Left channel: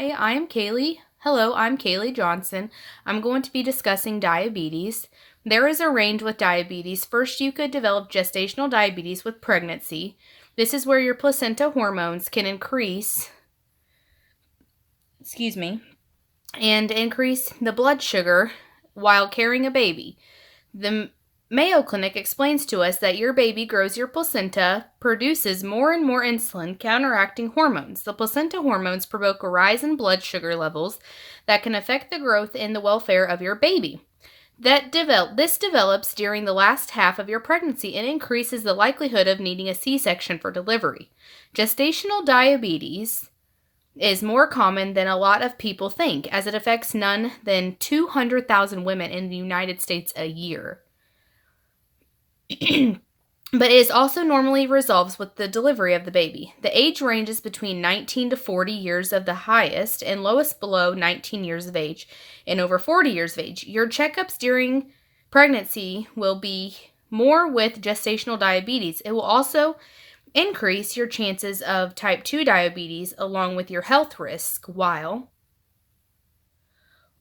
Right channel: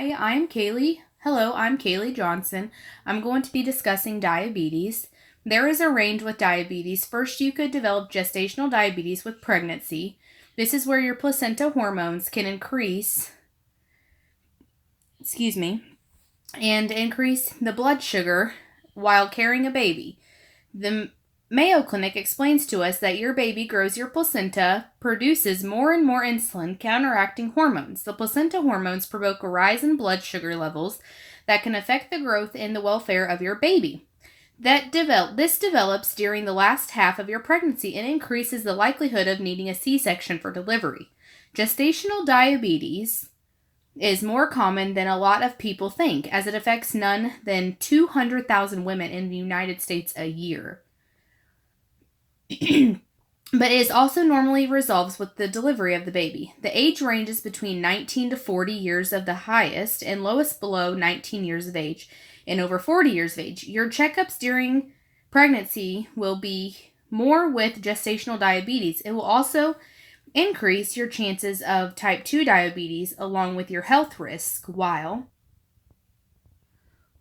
Hi, I'm Kaylee. Hello, I'm Kaylee Johnson. I'm going to be discussing diabetes. There is a range with diabetes. First, you could develop gestational diabetes with pregnancy. This is where your placenta hormones can increase, and increase the blood sugar while carrying a baby. The Mayo Clinic explains to us that your baby grows your placenta, produces more and more insulin, counteracting hormones. The placenta hormones provoke a rise in blood sugar levels that can affect the growth and the welfare of your baby. This develops during the last half of your pregnancy and increases the likelihood of needing a C-section for delivery. Gestational diabetes is more common than a lot of people think, as it affects none than 200,000 women in the United States a year. But it also normally resolves with the delivery of the baby. The age ranges between 19 to 40 years of the highest and lowest below 19 years of age and over 40 years of age. Your checkups during pregnancy will be more with gestational diabetes. It will also increase your chances of type 2 diabetes along with your health risk.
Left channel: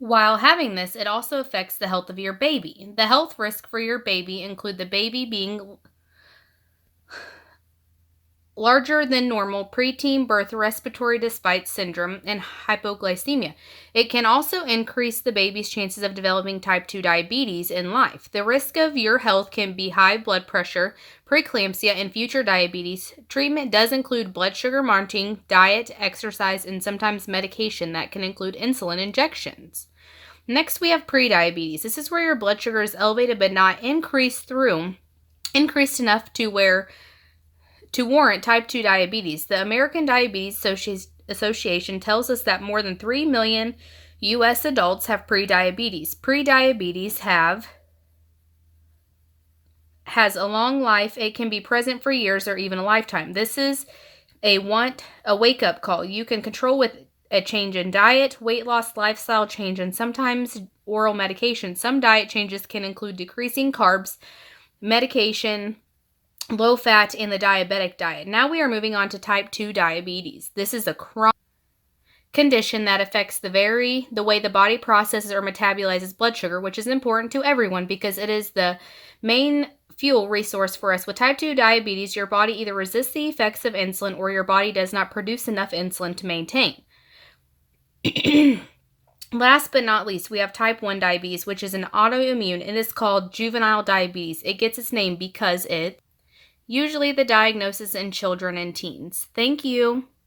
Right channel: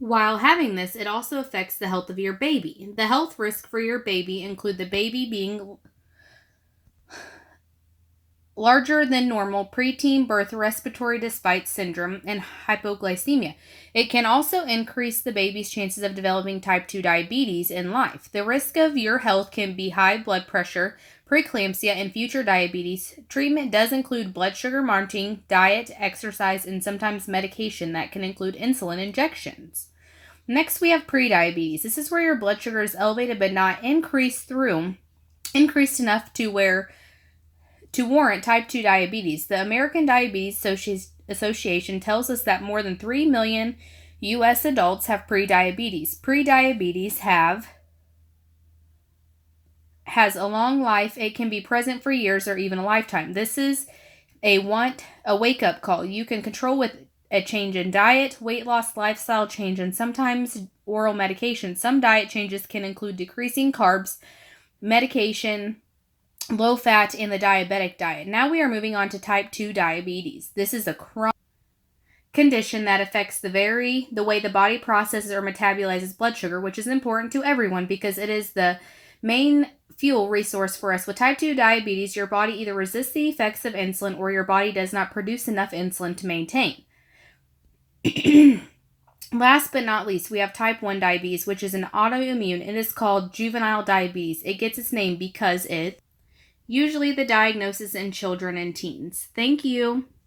While having this, it also affects the health of your baby. The health risk for your baby include the baby being larger than normal, preteen birth respiratory despite syndrome, and hypoglycemia. It can also increase the baby's chances of developing type 2 diabetes in life. The risk of your health can be high blood pressure, preeclampsia, and future diabetes. Treatment does include blood sugar monitoring, diet, exercise, and sometimes medication that can include insulin injections. Next, we have prediabetes. This is where your blood sugar is elevated but not increased enough to warrant type 2 diabetes. The American Diabetes Association tells us that more than 3 million U.S. adults have prediabetes. Prediabetes has a long life. It can be present for years or even a lifetime. This is a wake-up call. You can control with a change in diet, weight loss, lifestyle change, and sometimes oral medication. Some diet changes can include decreasing carbs, medication, low fat, and the diabetic diet. Now we are moving on to type 2 diabetes. This is a chronic condition that affects the way the body processes or metabolizes blood sugar, which is important to everyone because it is the main fuel resource for us. With type 2 diabetes, your body either resists the effects of insulin or your body does not produce enough insulin to maintain. Last but not least, we have type 1 diabetes, which is an autoimmune and is called juvenile diabetes. It gets its name because usually the diagnosis in children and teens. Thank you.